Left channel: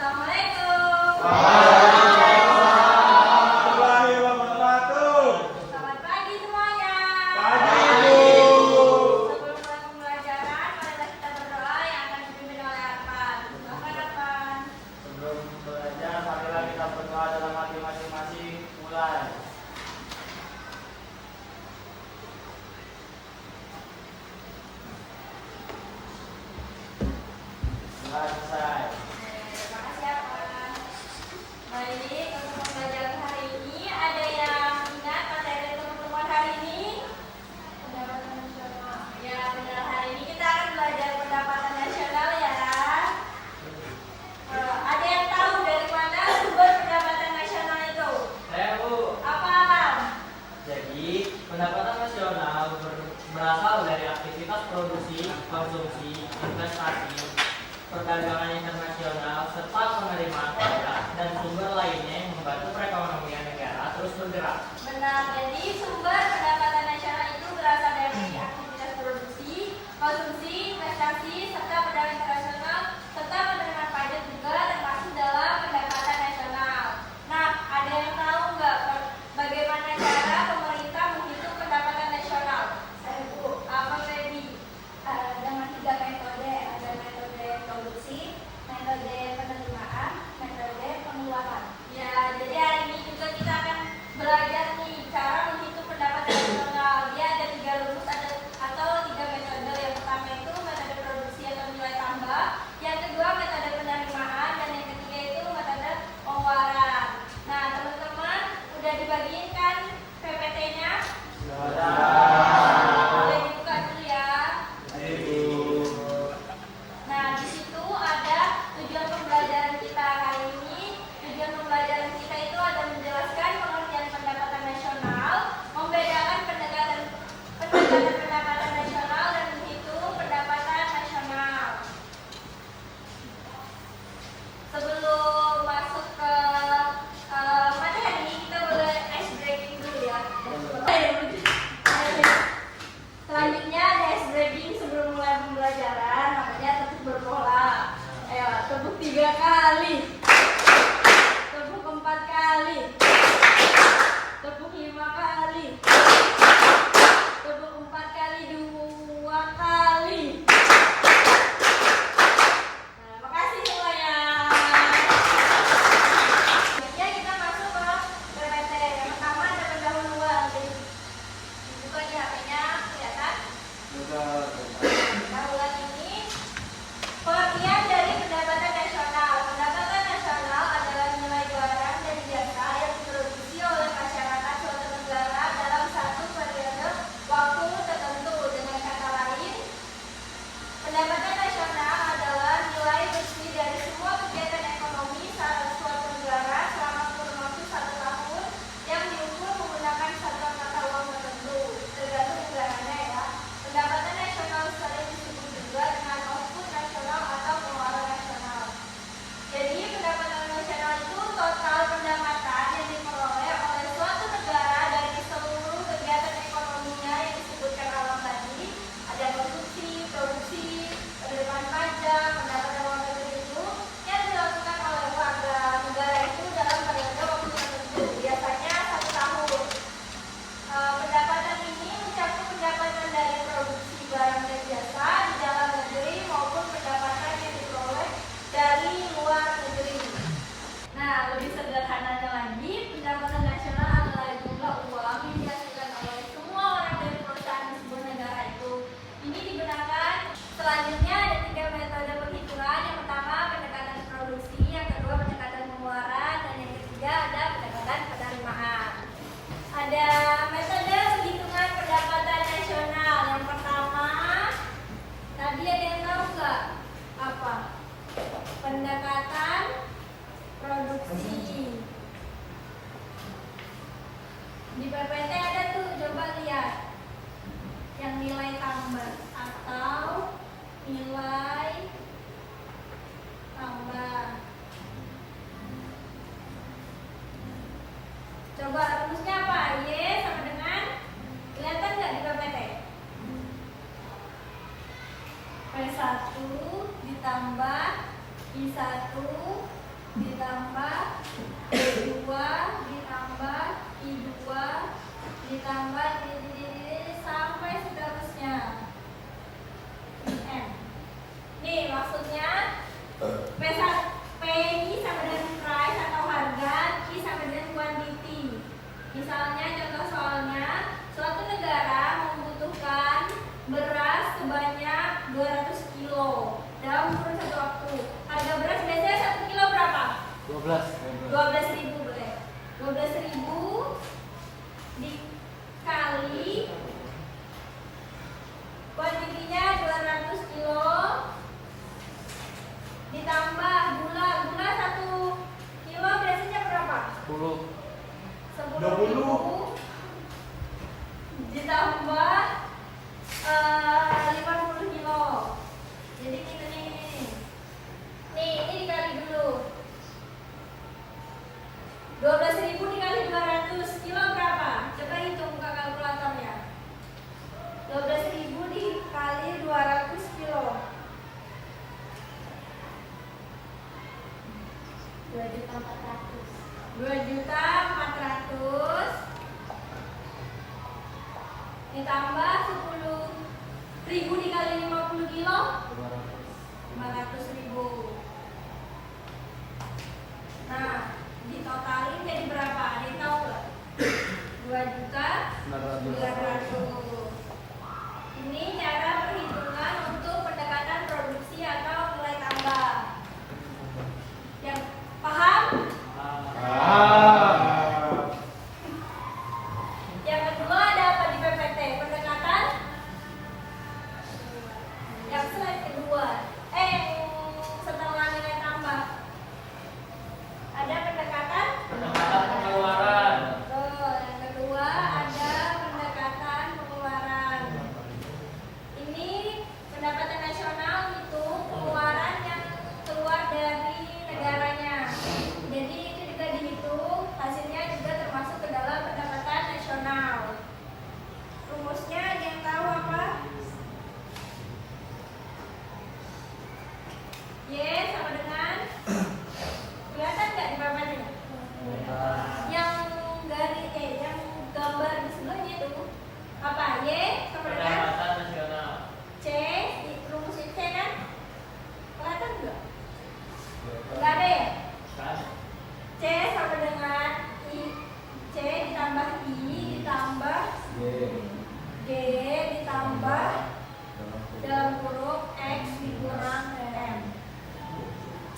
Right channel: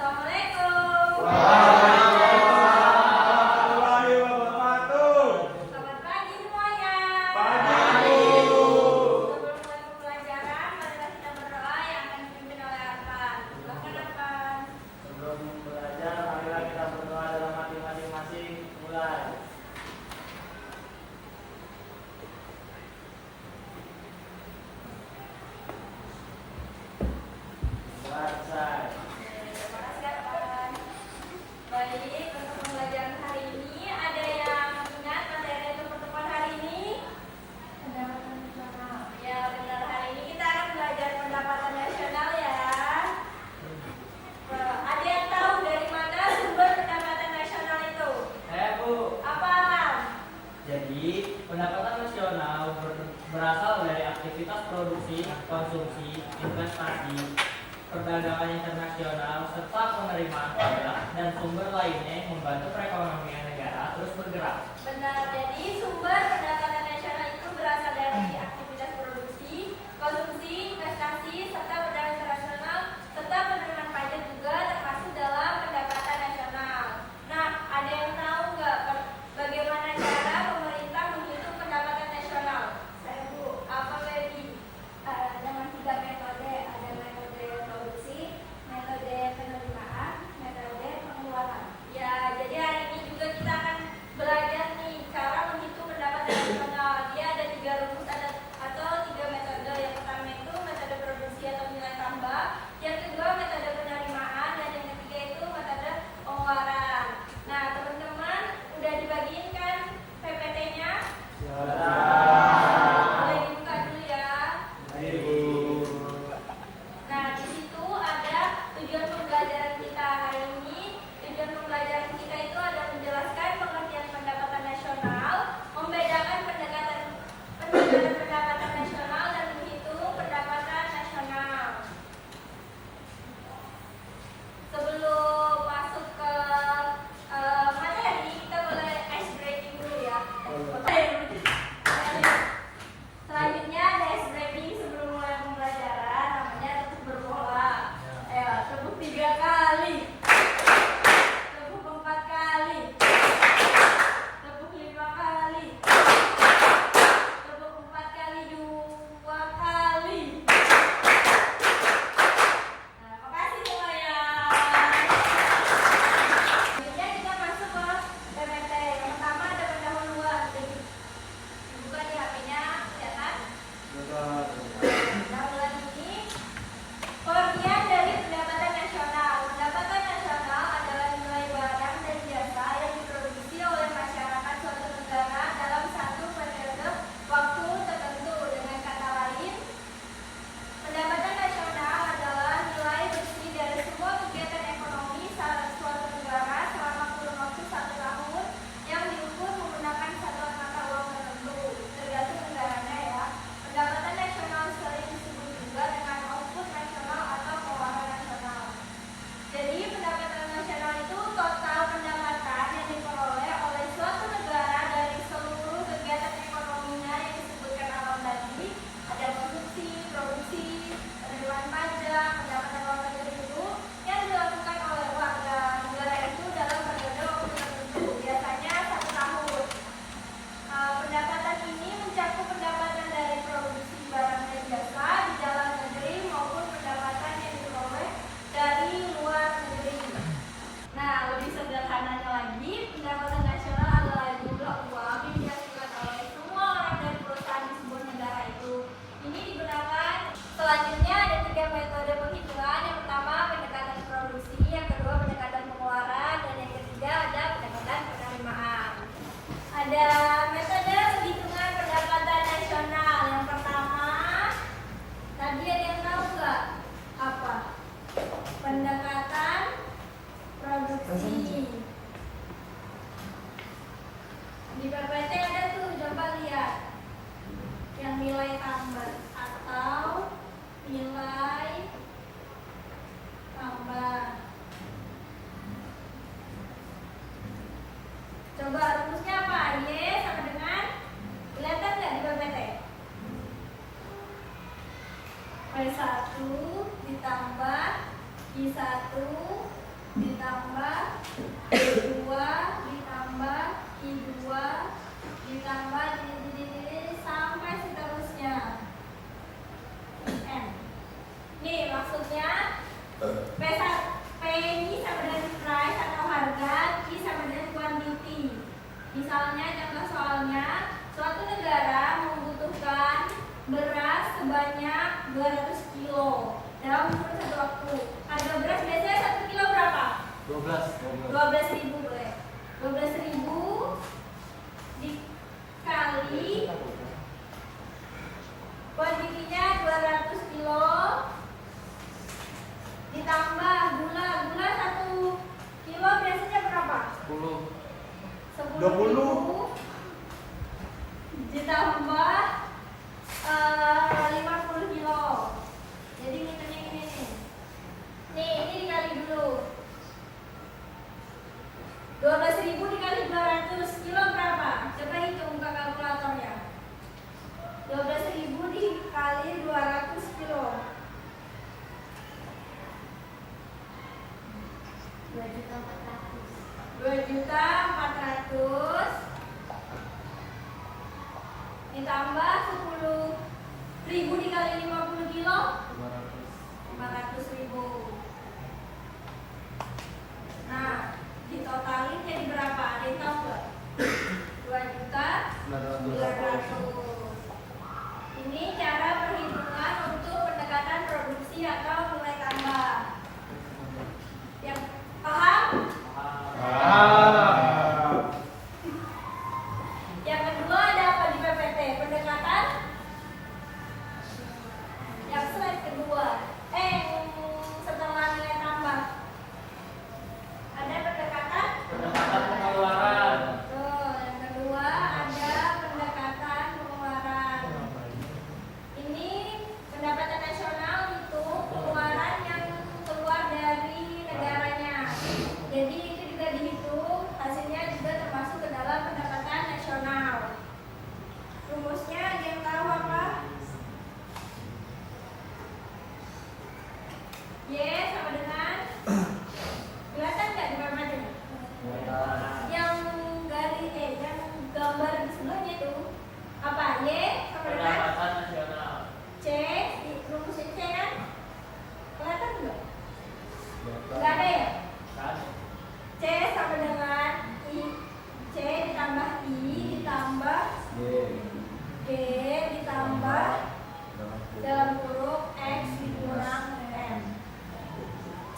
Assalamualaikum. Waalaikumsalam warahmatullahi wabarakatuh. Selamat pagi semuanya. Pagi, Bu. Sebelum mulai pembelajaran, marilah kita berdoa yang akan dipimpin oleh Arfan. Silakan Arfan. Sebelum belajar, marilah kita berdoa dalam hati masing-masing. Mulai. Selesai. Terima kasih Arfan. Baik, untuk pembelajaran hari ini ada yang ingat materi untuk pertemuan hari ini? Pendapatan nasional. Ya, benar, hari ini kita akan belajar pendapatan nasional ya. Ada yang tahu dari mana sumber pendapatan nasional itu? Saya, Bu. Apa Alam? Jadi, pendapatan nasional berasal dari aktivitas produksi, konsumsi, investasi, perdagangan internasional, serta penerimaan pajak dan sumber lainnya yang membantu perekonomian negara terus bergerak. Benar, jadi sumber pendapatan nasional itu berasal dari aktivitas produksi, konsumsi, investasi, serta perdagangan internasional, serta penerimaan pajak juga termasuk dalam pendapatan nasional. Nah, ada yang tahu nggak bagaimana cara pemerintah menghitung pendapatan nasional? Saya Bu, apa Baby? Dengan 3 metode, ada metode produksi, metode penerimaan, metode pengeluaran. Ya, jadi hari ini juga kita akan belajar nih cara menghitung pendapatan nasional. Dia ada 3 rumus atau 3 metode. Yang pertama itu metode produksi atau nilai tambah, yang kedua metode penerimaan, dan yang ketiga itu metode pengeluaran. Nah, teman-teman udah dibagiin kan PPT-nya? Boleh dibuka dulu ya. Nah, di situ ada tujuan pembelajaran kita hari ini. Tujuan pembelajaran kita itu adalah menjelaskan pengertian pendapatan nasional, membedakan pendekatan pendapatan nasional dan menghitung pendapatan nasional. Sebelum masuk ke materi, kita boleh ice breaking dulu ya. Selanjutnya ada ice breaking sebelum mulai pembelajaran, namanya tepuk berpola. Tepuk 3 kali, tepuk 4 kali, tepuk 5 kali, tepuk 4 kali 2 kali. Nah, makasih semuanya. Selanjutnya kita masuk ke PPT. Yang pertama ada pendahuluan. Dibuka di HP-nya, kelihatan? Pendahuluan ini pengertian dari pendapatan nasional. Pendapatan nasional adalah nilai barang dan jasa yang diproduksi oleh masyarakat suatu negara dalam satu periode waktu tertentu. Dengan kata lain, pendapatan nasional adalah nilai bersih dari semua kegiatan ekonomi suatu negara selama kurun waktu 1 tahun yang diukur menggunakan satu mata uang tertentu, tergantung negaranya ya. Pendapatan nasional sering disebut juga dengan output nasional atau pengeluaran nasional. Jadi pendapatan nasional itu total pendapatan yang diperoleh oleh suatu negara dari seluruh kegiatan ekonominya yang disebutkan awal tadi. Ada konsumsi, produksi, penerimaan pajak, pendapatan luar negeri itu yang dilakukan oleh warga negara itu dalam periode waktu tertentu, biasanya 1 tahun. Pendapatan ini mencakup pendapatan dari produksi barang dan jasa di dalam negeri maupun pendapatan yang diperoleh dari luar negeri. Nah, lebih sederhananya lagi, pendapatan nasional adalah jumlah uang yang dihasilkan oleh semua orang dan perusahaan di sebuah negara itu. Ini digunakan. Selanjutnya ada 3 metode penghitungan. Yang pertama pendekatan produksi, yang kedua pendekatan pengeluaran, dan yang ketiga ada pendekatan penerimaan. Ada metode penghitungan pendapatan nasional. Yang pertama, tadi ada yang tahu nggak apa? Pendekatan produksi. Di PPT ada tuh, coba lihat. Yang nilai tambah atau nilai tambah. Coba rumusnya apa? Y sama dengan, kelihatan nggak di PPT? P1 ditambah I1 20.000 ditambah 50 kilo. Jadi hitungnya ini nih. Nih, ini dikali dulu. 12.000 dikali 200 kilo berapa? Coba hitung ke kalkulatornya. 12.000 dikali 200 kilo. 2.400.000 ditambah 10.000 dikali 50 kilo 500.000. Nah, ditotalin jadi berapa? Ada yang tahu nggak? 2.200.000. Ini cara perhitungan untuk pendekatan produksi atau nilai tambah. Yang paham? Yang kedua ada apa di PPT? Pendekatan yang slide kedua. Setelah nilai tambah ada pendekatan pengeluaran. Tuh, yang kedua ada pendekatan pengeluaran. Ini pendapatan nasional itu pengeluaran yang keluar dari negaranya. Jadi itu juga dihitung, hasilnya juga termasuk ke dalam pendapatan nasional. Rumusnya ada yang tahu apa? Y sama dengan kelihatan nggak di papannya? Yang garis yang gambar di sebelahnya itu apa? Y sama dengan Pendapatan nasional. C, rumusnya C kan? Kelihatan nggak? Nggak ada ya? Kan? C sama dengan I, C ditambah I ditambah G ditambah dalam huruf X dikurang M.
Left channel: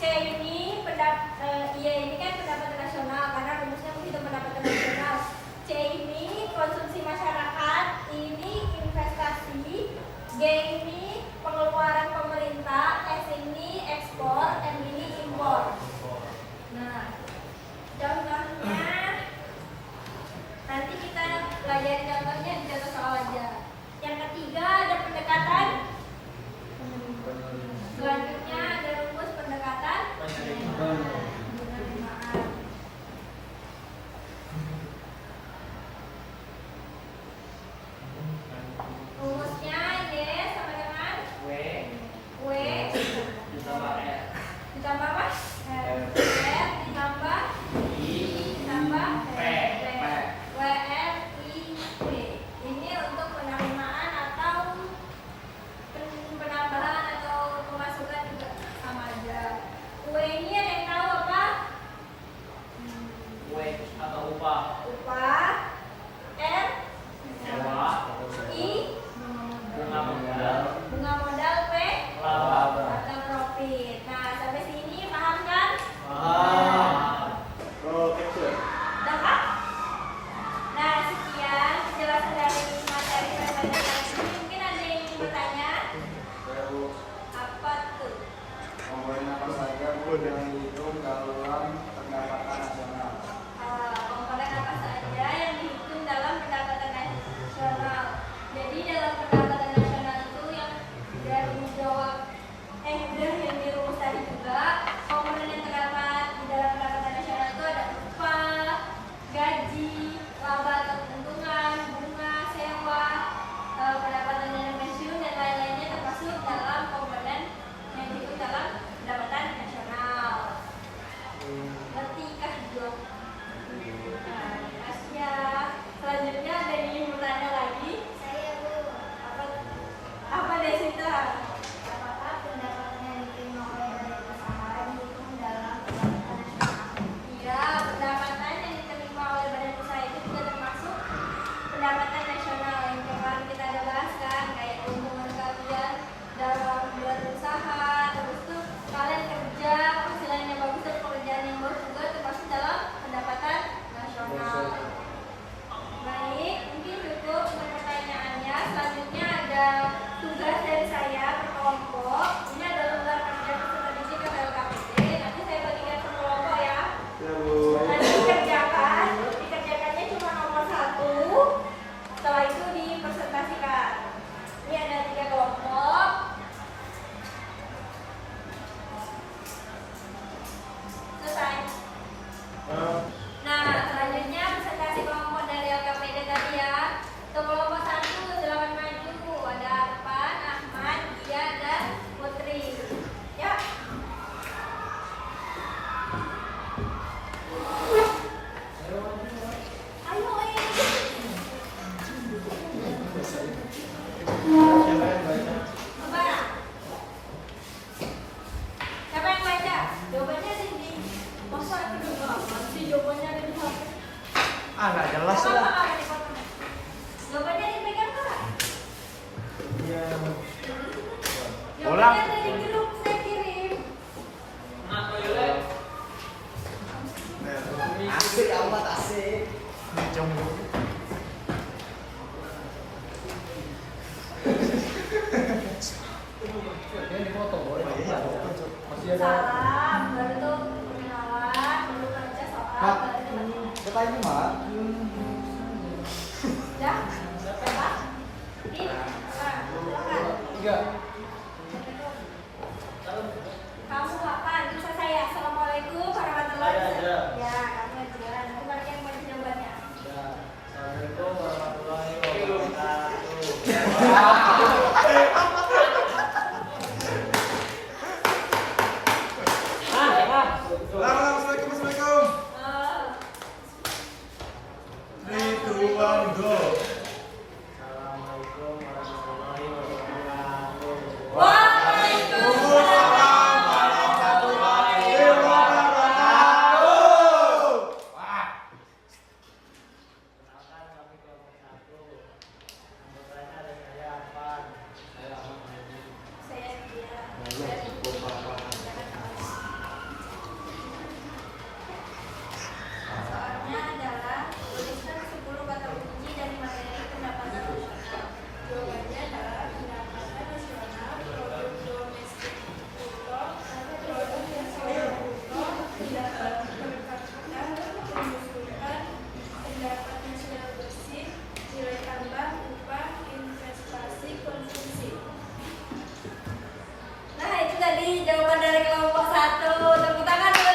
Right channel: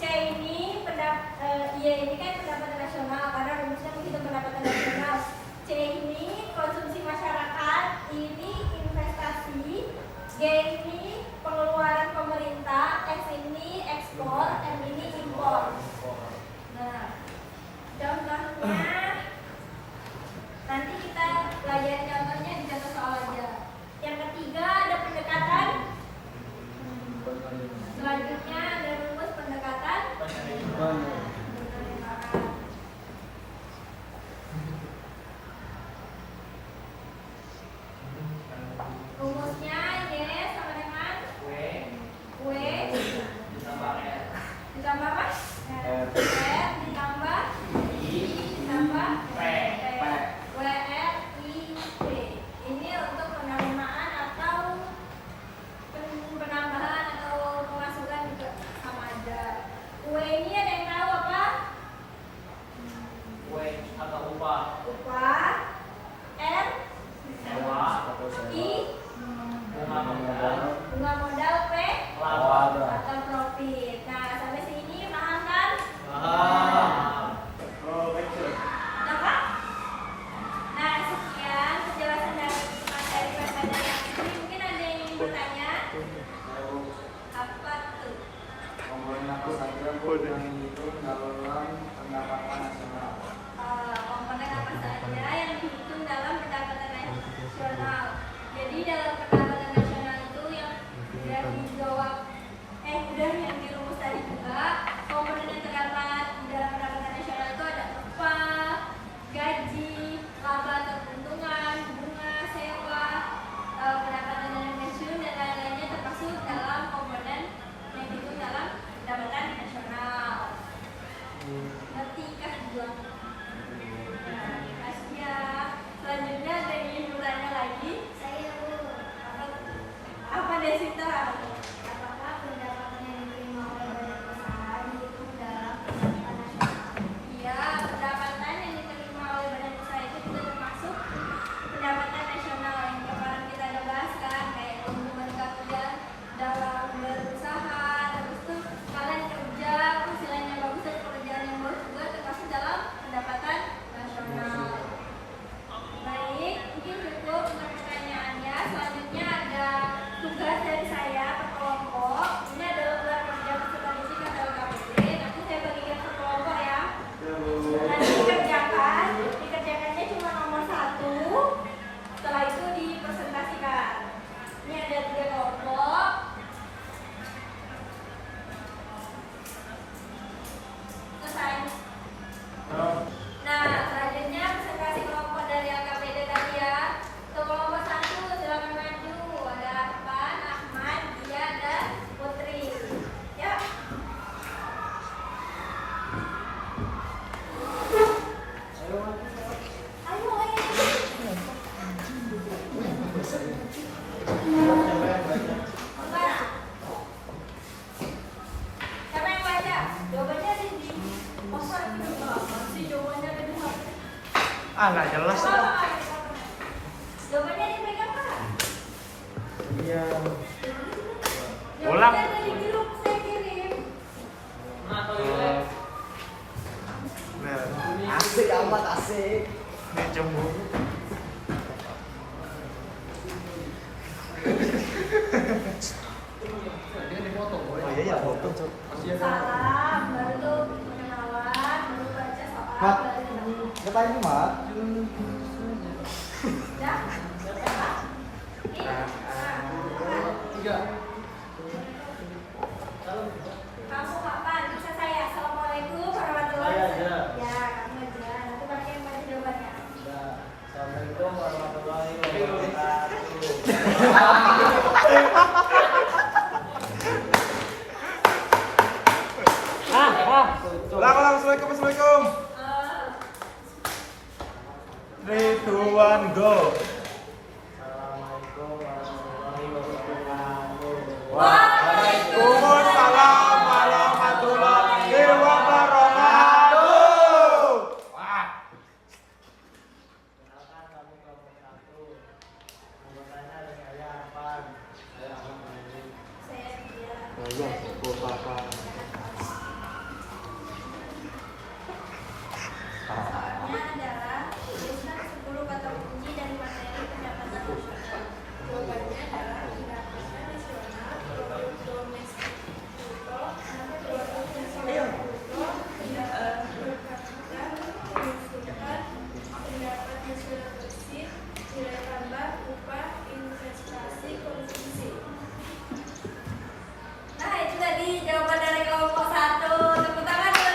C ini I ini kan pendapatan nasional karena rumusnya menghitung pendapatan nasional. C ini konsumsi masyarakat, ini investasi, G ini pengeluaran pemerintah, X ini ekspor, M ini impor. Nah, contohnya nanti kita pelajari contohnya di contoh soal aja. Yang ketiga ada pendekatan. Selanjutnya ada rumus pendekatan penerimaan. Rumusnya Y sama dengan W W ditambah R. ditambah apa? R ditambah I ditambah P. WR I P. Ini untuk penerimaan atau penambahan atau pemasukan juga sama aja. W ini ada yang tahu apa? W atau upah. Upah. R Sewa. I Bunga modal. bunga modal. P Laba. atau profit. Nah, sampai sini paham kan? Dapat? Nah, sekian penjelasan dari materi pada kali ini. Mungkin ada yang ingin bertanya? Apa tuh? Komponen apa saja yang dihitung dalam pendapatan nasional? Komponen apa saja yang dihitung dalam pendapatan nasional? Jadi dalam pendapatan nasional itu yang sudah dijawab, udah yang dirumus tadi juga. Komponen yang terdapat di dalam pendapatan nasional itu ada upah, gaji, laba atau keuntungan, bunga, sewa, pendapatan dana pensiun dan lain-lainnya termasuk dalam komponen yang dihitung dalam pendapatan nasional. Ngerti kah juga? Nah, makasih ya. Selanjutnya ada yang ingin bertanya lagi? Saya Bu. Apa dari situ? Apakah pendapatan yang diterima oleh badan usaha dihitung dalam pendapatan nasional? Iya, pendapatan yang diterima oleh badan usaha itu juga termasuk pendapatan nasional yang kemarin kita ada bahas kan, kayak keuntungan kalian dalam berusaha, terus tuh kalian kerja, hasilnya bagus, tuh pekerjaan yang bagus juga jawabannya ada di HP. Ah, nggak jelas Apa, lah. Kak? Jawabannya dipegang Kak. Iya. Jawabannya Ulang. ada di grup saya kirim. Nah, toilet. Asik amat asik. Ini cemburu. Salam, baru tuh perkenalan, baru baca soal, Nah. baru debat. Sekarang mah. Udah? Apa? Ini? Nah, silakan. Iya. Kamu kapan? Bisa saya. Assalamualaikum warahmatullahi wabarakatuh. Ya, kamu aja. Nanti baru yang baca jawabannya. Assalamualaikum warahmatullahi wabarakatuh. Ulang, assalamualaikum. Eh, 3, 2, 1, go. Assalamualaikum warahmatullahi wabarakatuh. Waalaikumsalam warahmatullahi wabarakatuh. Wah. Kenalkan kami kelompok 1. Anggotanya ada saya Arfan. Saya Ahmad Mahdi. saya dia. Soalnya adalah tuliskan 10 kata kunci dari materi pendapatan nasional. Jawabannya adalah pendapatan nasional, produk domestik bruto, produk nasional bruto, pendapatan per kapita, pengusutan, pendapat nasional bersih, nilai tambah, upah, investasi, konsumsi. Nah, itu tadi jawaban dari kelompok 1. Tepuk tangan dulu.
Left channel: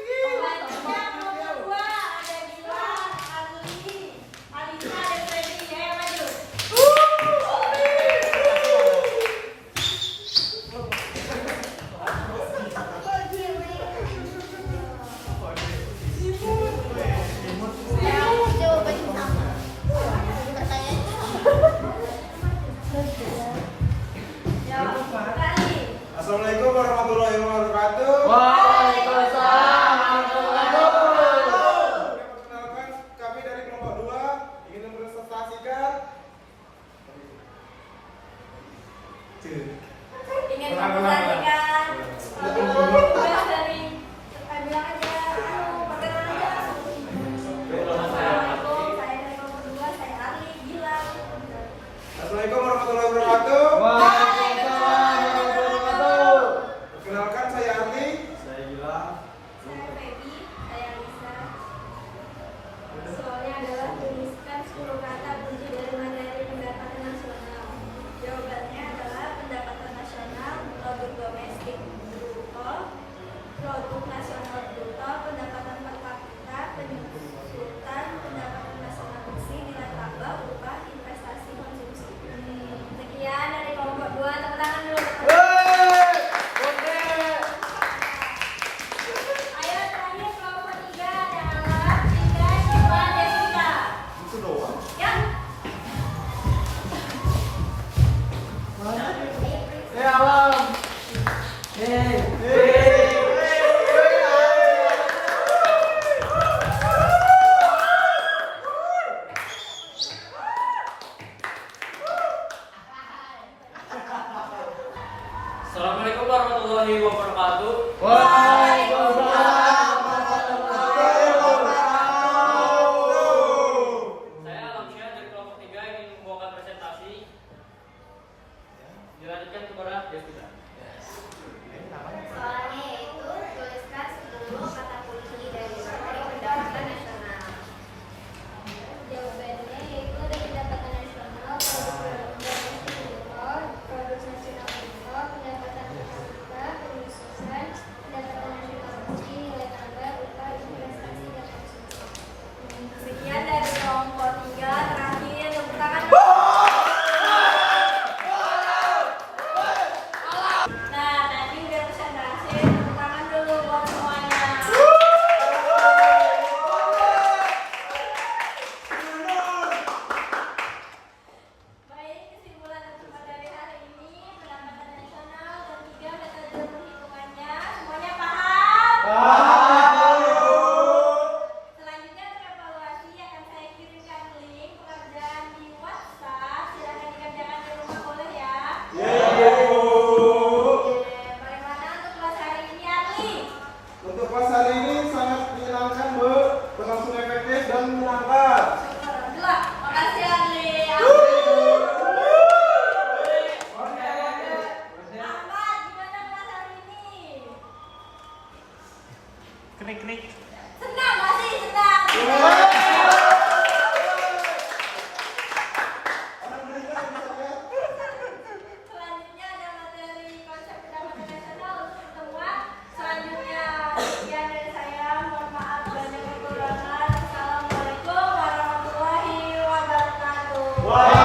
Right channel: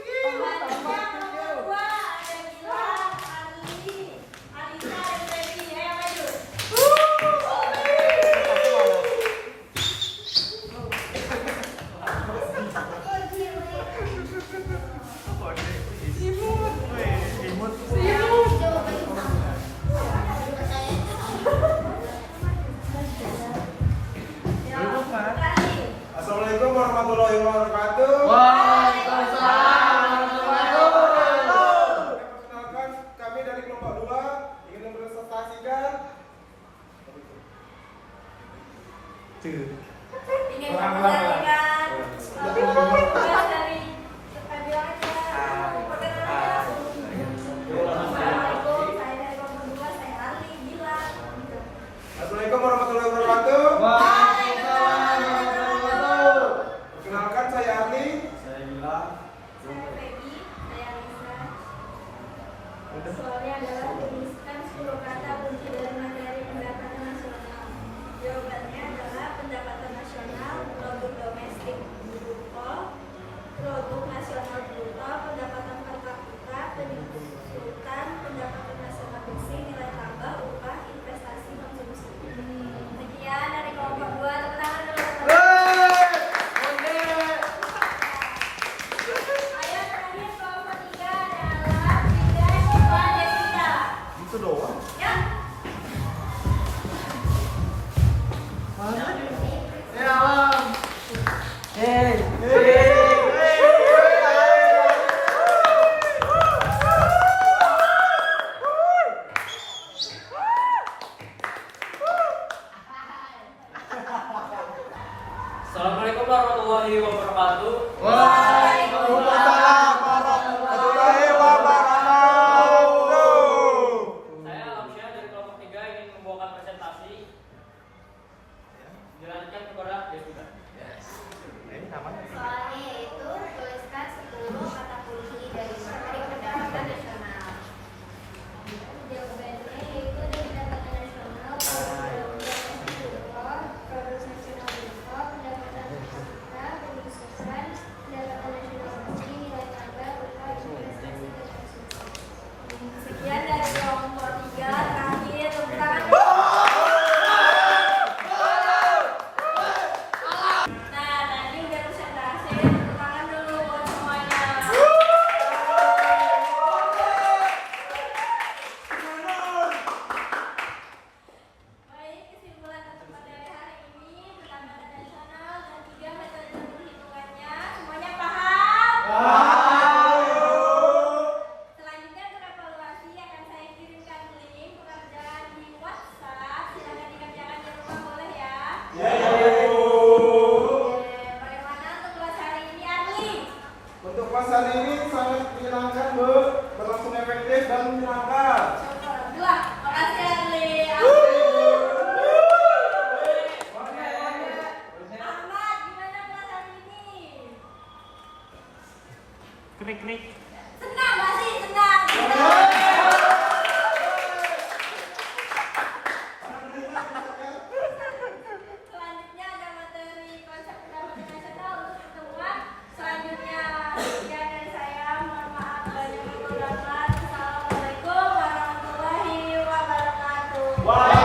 Pembantunya nomor 2 ada Gilang, Ali, Alisa, dan Feby. Ya, yang maju. Imut. Ya, Duduk, Mas. Ali. Assalamualaikum warahmatullahi wabarakatuh. Waalaikumsalam warahmatullahi wabarakatuh. Perkenalkan kami dari kelompok 2 ingin mempresentasikan Ingin Ulang, mempresentasikan Lebih tugas dari bilang aja, perkenalan aja. Assalamualaikum, saya dari kelompok 2, saya Ali, Gilang. Assalamualaikum warahmatullahi wabarakatuh. Waalaikumsalam warahmatullahi wabarakatuh. Perkenalkan saya Arli. Saya bilang. Saya Feby, saya Lisa. Soalnya adalah tuliskan 10 kata kunci dari materi pendapatan nasional. Jawabannya adalah pendapatan nasional, produk domestik bruto, produk nasional bruto, pendapatan per kapita, penghutang, pendapatan nasional bersih, nilai tambah, upah, investasi, konsumsi. Sekian dari kelompok 2. Tepuk tangan dulu. Ayo terakhir kelompok 3 yang adalah 3 Coba Jessica. Itu doang. Ya. Mana? Ya, Bang. Assalamualaikum warahmatullahi wabarakatuh. Saya Alamsyah dari kelompok 3 ingin membawakan presentasi. Dilanjutkan kepada Jessica. Namanya. Soalnya itu tuliskan 10 kata kunci dari materi pendapatan nasional. Jawabannya yaitu dari pendapatan nasional, produk nasional bruto, pendapatan per kapita, pengusutan, pendapatan nasional bersih, nilai tambah, upah, investasi, dan konsumsi. Sekian dari kelompok 3. Terakhir, tepuk tangan. Nah, tadi udah presentasi. krik-krik. Senang gak sih? Senang. Selanjutnya ada materi konsep pendapatan nasional untuk pertemuan. Selanjutnya sekian dari saya. Mohon maaf banyak kekurangan. Assalamualaikum warahmatullahi wabarakatuh.